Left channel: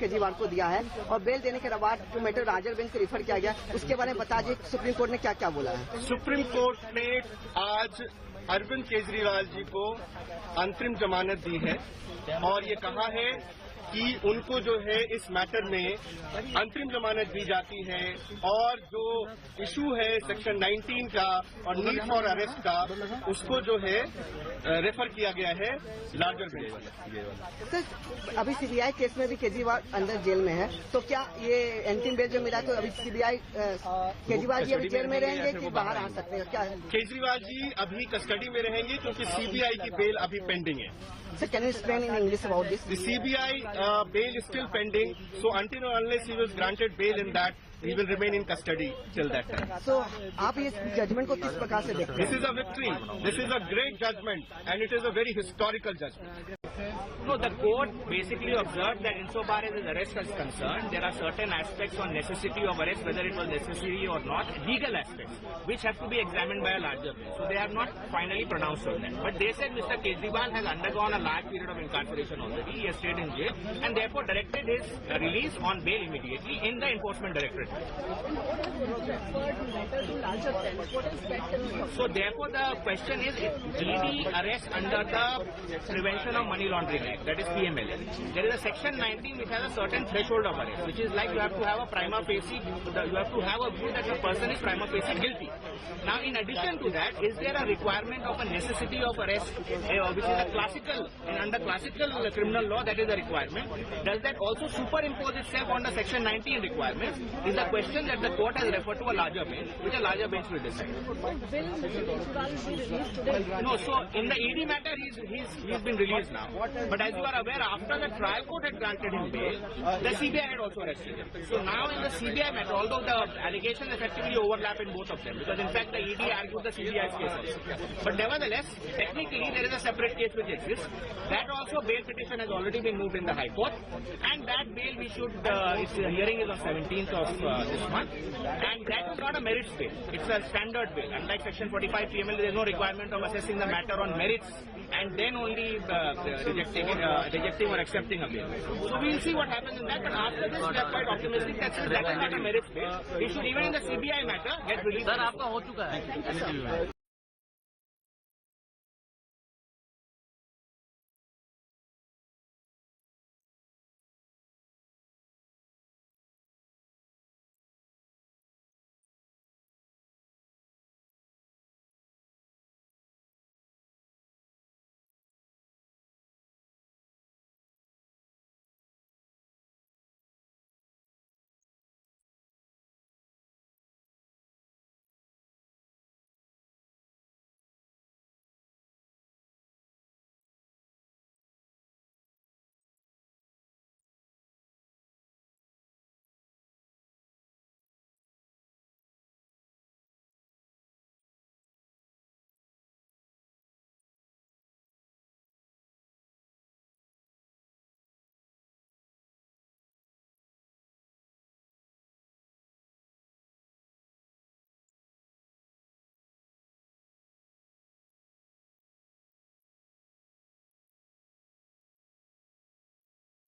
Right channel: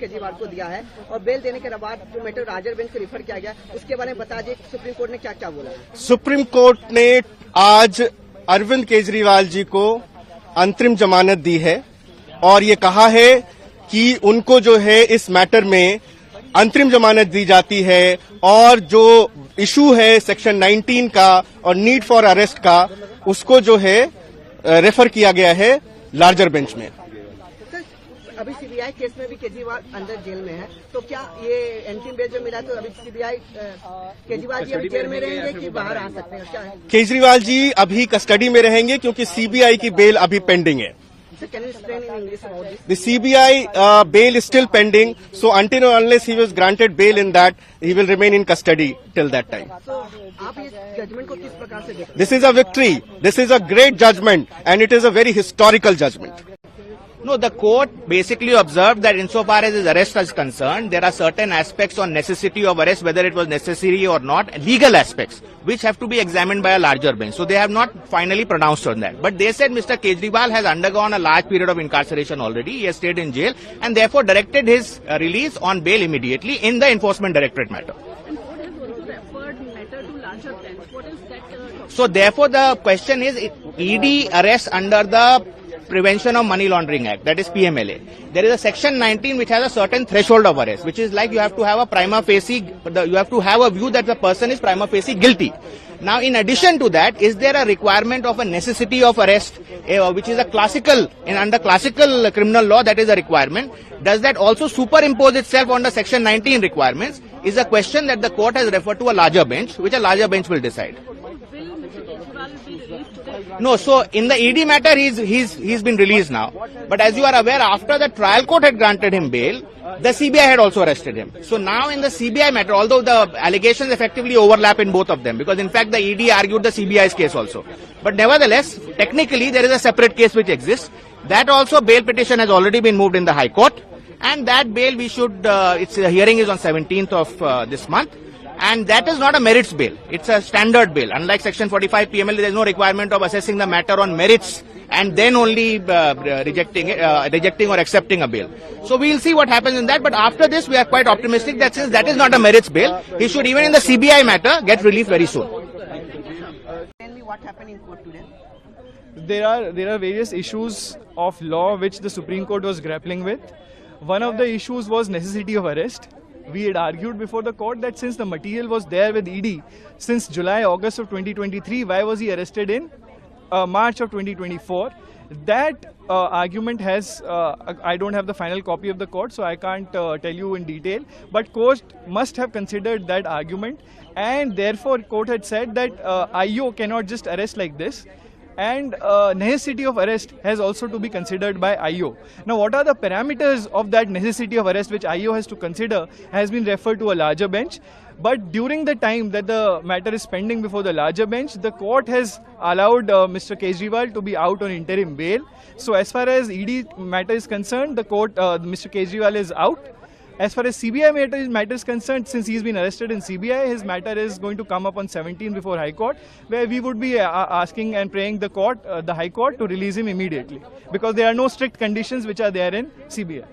केजरीवाल को दिया है और बेल देने के बाद जो मैटर राजर बेंच से रिफर किया गया उसके बारे में बता दीजिए सुप्रीम कोर्ट ने क्या क्या बोला है। सुप्रीम कोर्ट ने आज अरविंद केजरीवाल जी को अंतरिम जमानत दी है और ये कहा है कि उनको जो है इस मैटर में अंतरिम जमानत दी जाती है और जो इशू है सेक्शन 19 का और नीड फॉर अरेस्ट का उसको जो है रेफर किया गया है लार्जर बेंच में। अभी सीबीआई केस में भी केजरीवाल अंदर जेल में है, तो क्या ये अंतिम बेल जो मिला तो अभी सीबीआई केजरीवाल जी अभी जेल में रहेंगे कि बाहर आ सकते हैं, क्या है? केजरीवाल जी अभी कस्टडी में रहेंगे क्योंकि सीबीआई की बेल अभी पेंडिंग है। Can you explain in English about this? The CBI bail is still pending, so until or unless he was granted bail in that, he will remain in custody till that time. So, आप ये judgement को किस प्रकार से देखते हैं? This is a victory. This is a great judgment, and it is a very historical judgment. No, the court basically observed that insofar as his arrest is concerned, there are certain aspects on necessity of arrest, whether it was necessary or not, legal aspects, which have to be examined by a larger bench. So they have not finally pronounced on that. But they said Mr. Kejriwal has undergone a large period of incarceration already. He has stayed in jail and therefore directed his release on bail immediately in the Enforcement Directorate matter. So therefore the question is, ED arrests under the Prevention of Money Laundering Act, that is PMLA. There is a section 19 which has a certain threshold of arrest, which is like you have to have a prima facie, you have to have a view that the person is prima facie guilty. Now in addition to that, is there a requirement of a necessity of arrest, which is a classical, under classical criminal law that is a requirement. Does that also superimpose itself on the section 19 requirements is a question that the court has referred to a larger bench, which a larger bench will decide. No, so in the ED matter, he's been released now. But as you are aware, after the trial court had granted him bail, the CBI had also arrested him. So now in the CBI matter, although the allegations effectively overlap in both of them, because in fact the ED argued the CBI's case also. But nevertheless, technically there is a separate case which exists. That also bail petition has already been moved in the High Court. And that bail we should, its hearing is on 17th of this month. And that is not a merits bail. It's a standard bail. Unlike Section 45 PML, there is no requirement of assessing the matter on merits and then only rejecting or accepting a bail. So we'll see what happens in that. But after this, we are quite optimistic that since that is not a merits bail, he should even in the CBI matter get relief very soon. Tell me what happened in court today. There are various issues of law which the Supreme Court was grappling with. One of the issues was necessity of arrest. We had argued before the court that since the material was there with ED since July, August of 2023, why was he arrested in March of 2024? That argument has, I don't have the final copy of the court, so I can't tell you in detail, but court must have considered that argument, and therefore court had said that IO cannot just arrest like this. And necessity of arrest has also to be considered by IO. Now, what are the parameters of that necessity of arrest which IO has to consider has been referred to a larger bench. But during the time that the matter is pending before the larger bench, the court has allowed Mr. Kejriwal to be out on interim bail. So as far as ED matter is concerned, the court, Mr. Kejriwal is out. As far as CBI matter is concerned, since he's been arrested in CBI, his matter is going to come up on 17 before High Court, where we would be asking and praying the court, the High Court, to release him immediately, because there are no strict conditions which are there in CBI.